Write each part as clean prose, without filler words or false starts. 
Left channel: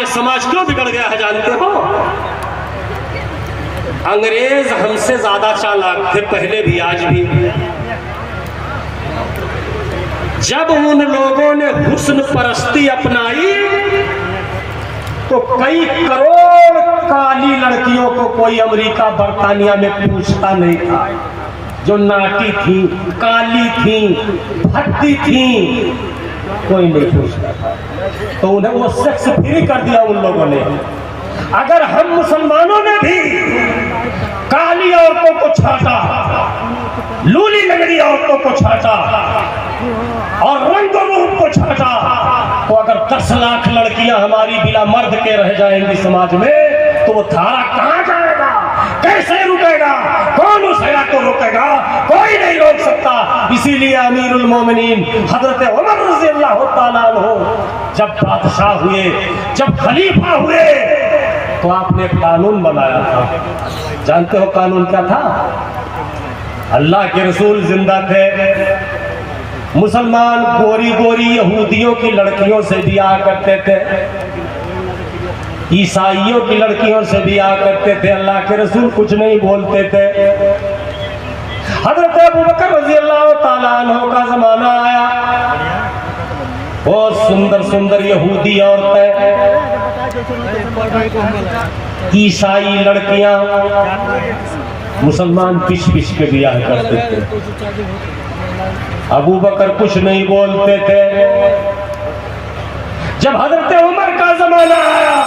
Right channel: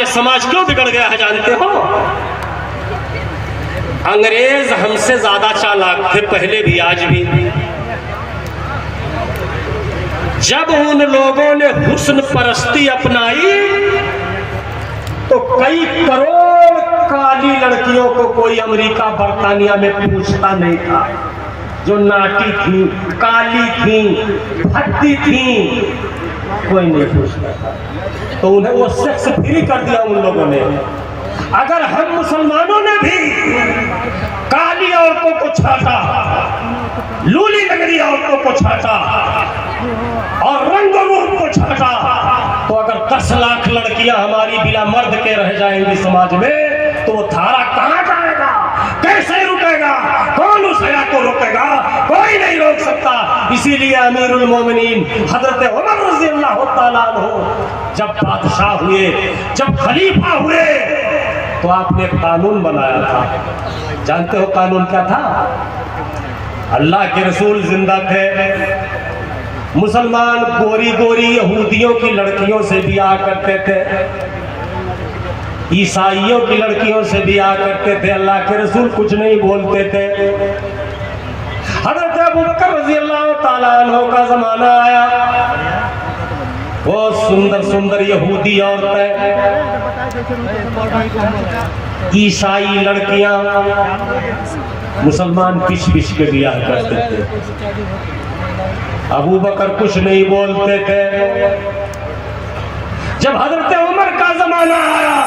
ये समाज क्यों बिगड़ गया है जानते हो? अंग्रेज हमसे ज्यादा चालाक थे, पहले भी आज भी। जब उन लोगों ने हुस्न परस्ती अपनाई तो कई करोड़ काली लड़कियों को कोई अमेरिका बरतानिया में पूछता नहीं था, जो नाटी थी, काली थी, भद्दी थी, कोई नहीं पूछता था। तो उन्हें वो सेक्स फ्री कर दिया उन लोगों ने। अगर हम मुसलमानों ने भी काली औरतों को छाटा, लूली लगड़ी औरतों को छाटा और रंगों रूप को छाटा, तो अगर 10 लाख लड़कियां हमारी बिना मर्द के रह जाएंगी समाज में, तो वो धारा कहां जाएगा, कैसे रुकेगा, कौन उस हया को रोकेगा? कोई नहीं रोक सकता। इसीलिए अमीरुल मोमिनीन हजरत उमर रज़ियल्लाहु ताला अन्हु जब बादशाह हुए, जब खलीफा हुए, तो आपने कानून बनाया था। जानते हो कानून क्या था? अल्लाह के रसूल जिंदा थे, मुसलमान गोरी गोरी यहूदियों की लड़कियों से ब्याह करते थे, ईसाइयों की लड़कियों से ब्याह करते थे, अल्लाह के रसूल कुछ नहीं बोलते थे। हज़रत अबू बकर रज़ियल्लाहु ताला अन्हु का जमाना आया, बहुत सुंदर सुंदर यहूदी औरतें, ईसाई लड़कियां मुसलमान पिछ पिछ के ब्याह करते थे। अबू बकर कुछ नहीं बोलते थे। जब हज़रत उमर का जमाना आया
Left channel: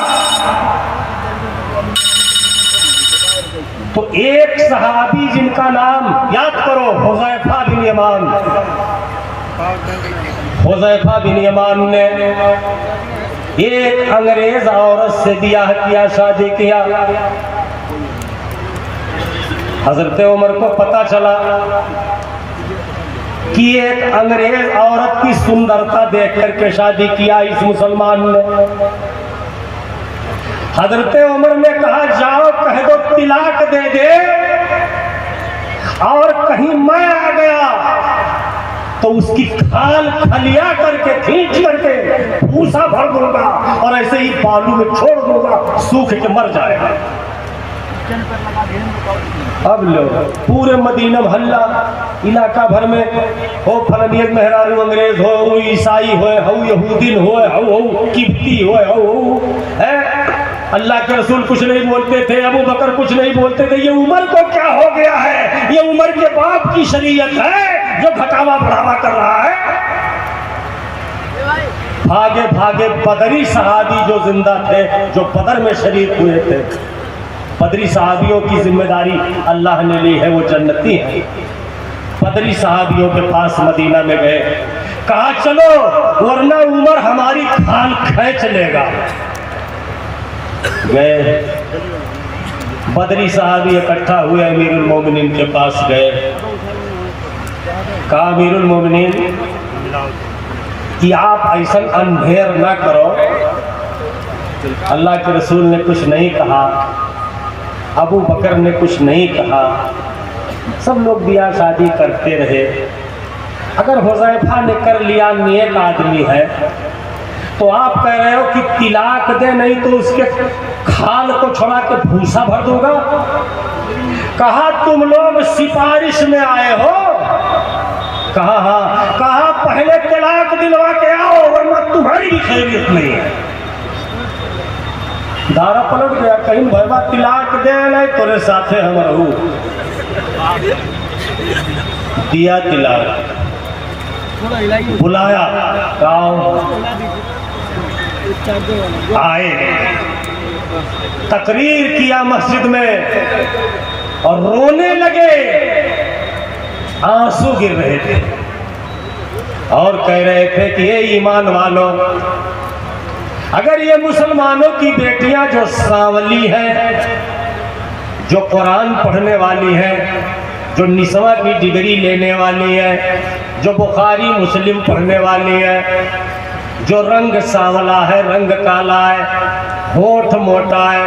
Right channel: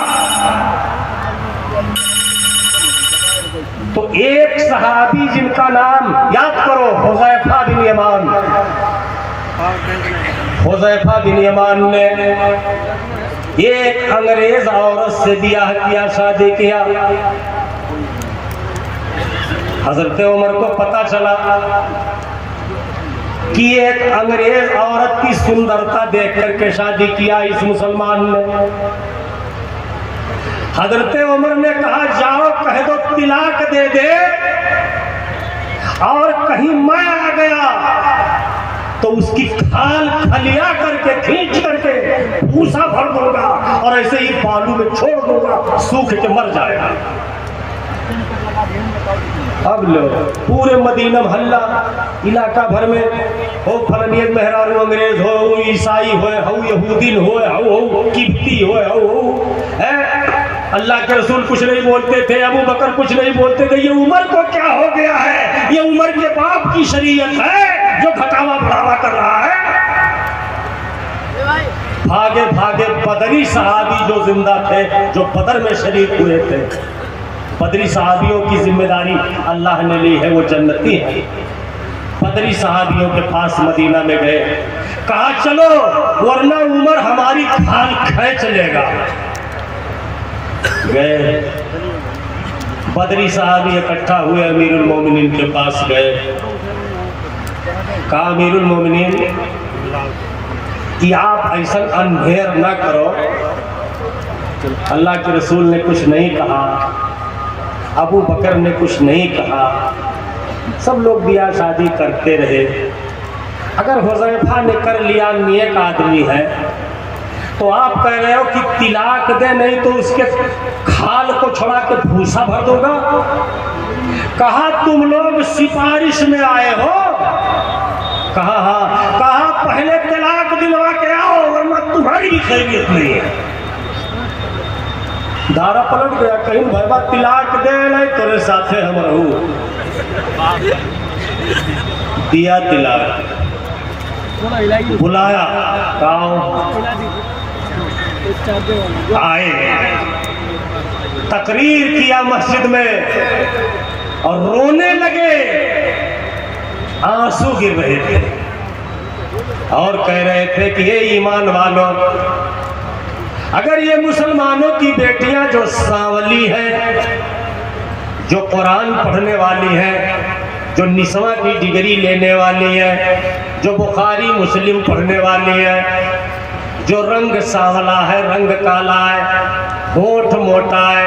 तो एक सहाबी जिनका नाम याद करो, हुज़ैफा बिन यमान, हुज़ैफा बिन यमान ने एक अंग्रेज औरत से ब्याह किया, शादी किया। हज़रत उमर को पता चला कि एक अंग्रेज औरत की सुंदरता देख करके शादी किया इस मुसलमान ने। हज़रत उमर ने कहा, जाओ कह दो तिलाक दे दे, और कहीं मैं आ गया तो उसकी खाल खलिया करके खींच करके भूसा भर दूंगा और ऐसे ही बालू में छोड़ दूंगा, सूख के मर जाएगा। अब लोग पूरे मदीना मोहल्ला इलाका भर में हो, फलनियत मेहरारू अंग्रेज हो, ईसाई हो, यहूदी हो, किब्ती हो, अल्लाह के रसूल कुछ नहीं बोलते थे, अबू बकर कुछ नहीं बोलते थे। ये उमर को क्या हो गया है? ये उमर के बाप की शरीयत है जो घटावा बढ़ावा कर रहा है। भागे भागे बदरी सहाबी जो जिंदा थे, जो बदर में शरीक हुए थे, बदरी सहाबियों की जिम्मेदारी अल्लाह ने ली है, वो जन्नती है। बदरी सहाबियों के पास मदीना में गए, कहा चलो वरना उमर हमारी खाल खींच लेगा। गए, बदरी सहाबी इकट्ठा हुए, अमीरुल मोमिनीन के पास गए, कहा अमीरुल मोमिनीन कि आप ऐसा अंधेर न करो, अल्लाह के रसूल ने कुछ नहीं कहा, अबू बकर ने कुछ नहीं कहा, सब लोग ब्याह शादी करते रहे। अगर हुज़ैफा ने कर लिया, नेक आदमी है, तो आप कह रहे हो कि तिलाक दे, नहीं तो उसके खाल को छोड़ा के भूसा भर दूंगा। कहा तुम लोग सिफारिश में आए हो? कहा हाँ। कहा पहले तलाक दिलवा के आओ वरना तुम्हारी भी खैरियत नहीं है। दारा पलट गया, कहीं भैया तिलाक दे नहीं तोरे साथे हम रहू। दिया तिलाक, बुलाया, आए, तकरीर किया मस्जिद में और रोने लगे, आंसू गिर रहे थे और कह रहे थे कि ये ईमान वालों, अगर ये मुसलमानों की बेटियां जो सांवली है, जो कुरान पढ़ने वाली है, जो निस्वा की डिग्री लेने वाली है, जो बुखारी मुस्लिम पढ़ने वाली है, जो रंग सांवला है, रंग काला है, होठ मोटा है,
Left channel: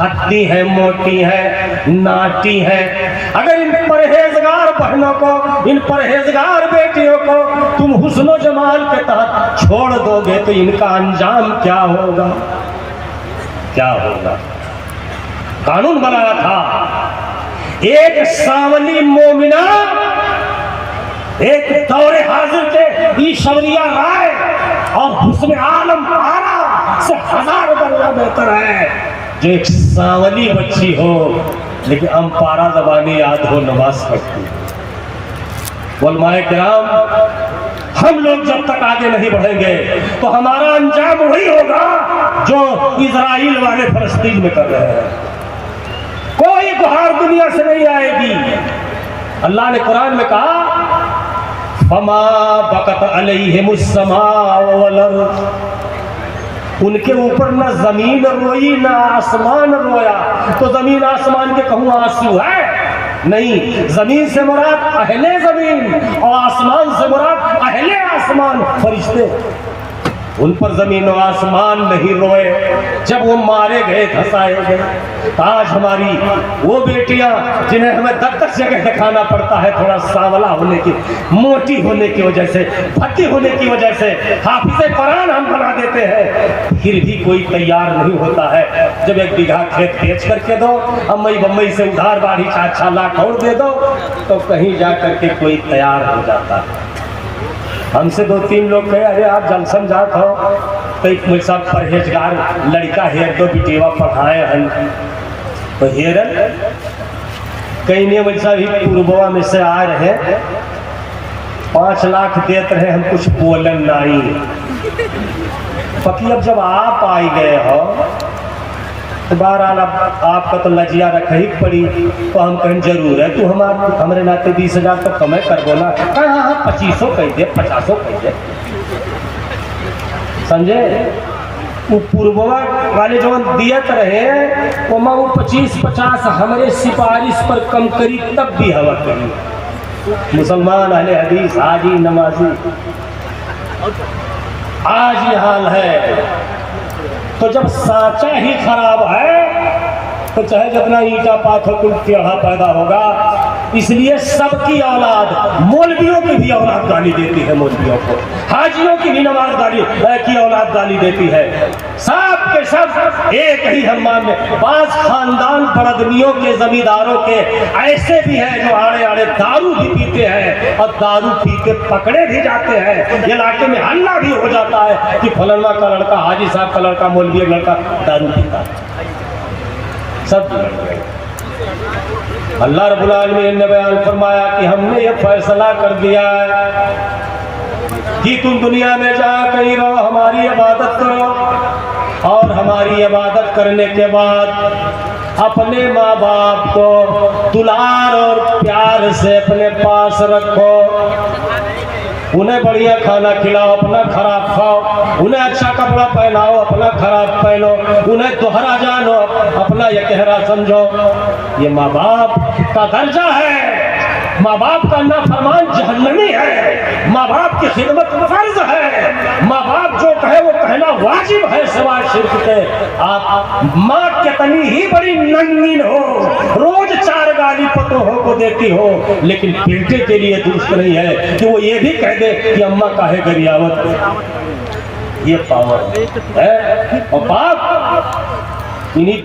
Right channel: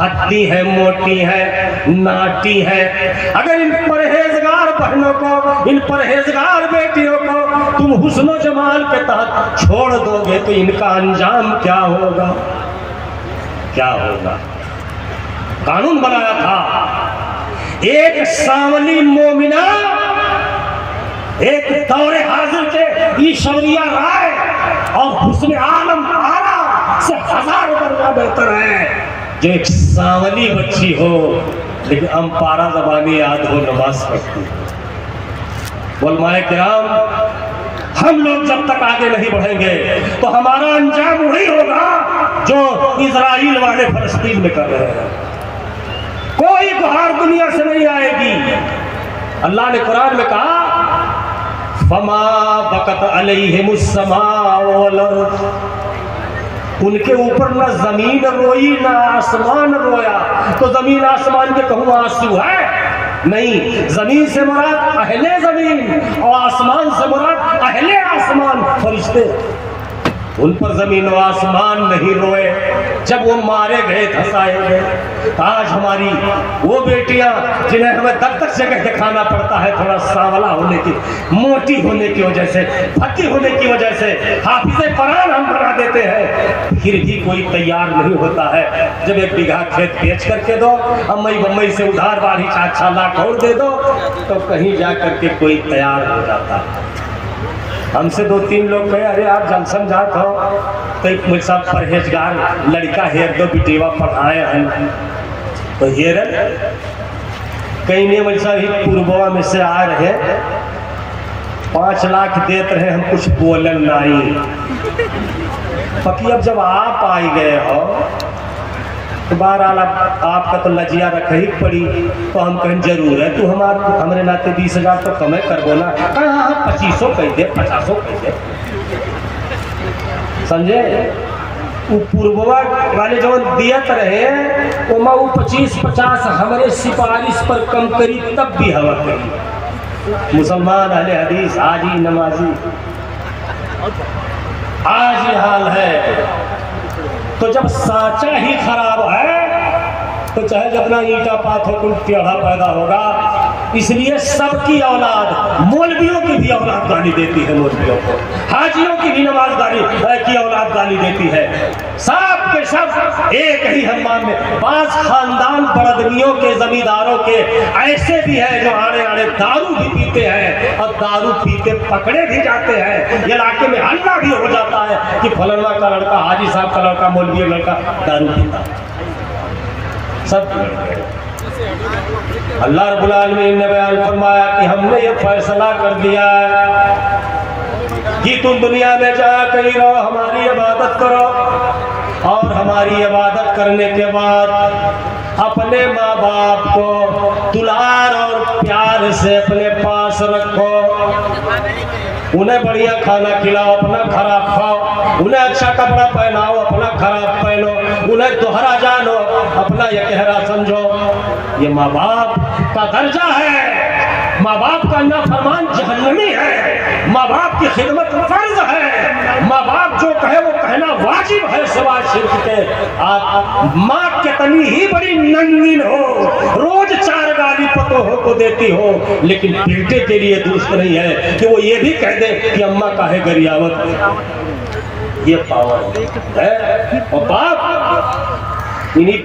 हड्डी है, मोटी है, नाटी है, अगर इन परहेजगार बहनों को, इन परहेजगार बेटियों को तुम हुस्न जमाल के तहत छोड़ दोगे तो इनका अंजाम क्या होगा? क्या होगा। कानून बनाया था एक सावली मोमिना एक दौरे हाजिर के ईश्वरिया राय और हुस्न आलम आरा से हजारों दर्जा बेहतर है जो एक सावली बच्ची हो लेकिन अम्पारा ज़बानी याद हो, नमाज पढ़ती। उलमाए किराम, हम लोग जब तक आगे नहीं बढ़ेंगे तो हमारा अंजाम वही होगा जो इजराइल वाले फलस्तीन में कर रहे हैं। कोई गुहार दुनिया से नहीं आएगी। अल्लाह ने कुरान में कहा फमा बकत अलैहिमुस्समा वल अर्द, उनके ऊपर ना जमीन रोई ना आसमान रोया। तो जमीन आसमान के कहूँ आंसू है? नहीं, जमीन से मुराद अहले जमीन और आसमान से मुराद अहले आसमान, फरिश्ते। उन पर जमीन और आसमान नहीं रोए जब वो मारे गए, धसाए गए। आज हमारी वो बेटियां जिन्हें हमें दत्तक से दिखाना पड़ता है, थोड़ा सांवला होने की, मोटी होने की वजह से, भद्दी होने की वजह से हाफिज़े कुरान हम बना देते हैं, फिर भी कोई तैयार नहीं होता है। जब 1 बीघा खेत बेच करके दो, अम्मई बम्मई से उधार बाढ़ी 4-4 लाख और दे दो, तो कहीं जा करके कोई तैयार हो जाता है। हमसे 2-3 लोग कहे अरे आप जंक्शन जात हो तो एक मेरे साथ परहेजगार लड़का हेर दो, बिटेवा पढ़ाए हैं तो हेरन कई ने वैसा ही पूर्ववा में से आ रहे 5 लाख देते रहे, हम कुछ बोलन नहीं। पति अब जब आप आई गए हो तो बहरहाल आपका तो लजिया रख ही पड़ी, तो हम कहें जरूर है तू हमारे नाते 20,000 तो कमे कर बोला। हाँ 2500 कह दे, 50 कह दे, समझे। वो पूर्ववा वाले जो दियत रहे वो 25-50 हमारे सिफारिश पर कम करी तब भी हवा करी। मुसलमान अहले हदीस हाजी नमाजी आज ये हाल है। तो जब साचा ही खराब है तो चाहे जितना ईटा पाथर कुल टेढ़ा पैदा होगा। इसलिए सबकी औलाद, मौलवियों की भी औलाद गाली देती है, मौलवियों को, हाजियों की भी नमाजदारी की औलाद गाली देती है। सब के सब एक ही हम्माम में। बाज खानदान बड़दमियों के, जमींदारों के ऐसे भी है जो आड़े आड़े दारू भी पीते हैं और दारू पी के पकड़े भी जाते हैं। इलाके में हल्ला भी हो जाता है कि फलाना का लड़का, हाजी साहब का लड़का, मौलवी लड़का दारू पीता है। सब अल्लाह रब्बुल आलमीन ने बयान फरमाया कि हमने ये फैसला कर दिया कि तुम दुनिया में जाया कहीं रहो, हमारी इबादत करो और हमारी इबादत करने के बाद अपने माँ बाप को दुलार और प्यार से अपने पास रखो, उन्हें बढ़िया खाना खिलाओ, अपना खराब खाओ, उन्हें अच्छा कपड़ा पहनाओ, अपना खराब पहनो, उन्हें दोहरा जानो, अपना यकहरा समझो। ये माँ बाप का दर्जा है। माँ बाप का नाफरमान जहन्नमी है। माँ बाप की खिदमत फर्ज है। माँ बाप जो कहे वो कहना वाजिब है सिवाय शिर्क के। आप माँ कितनी ही बड़ी नंगीन हो, रोज 4 गाली पतोहों को देती हो, लेकिन बेटे के लिए दुरुस्त नहीं है कि वो ये भी कह दे कि अम्मा काहे गरियावत। ये पावर है। और बाप इन्हीं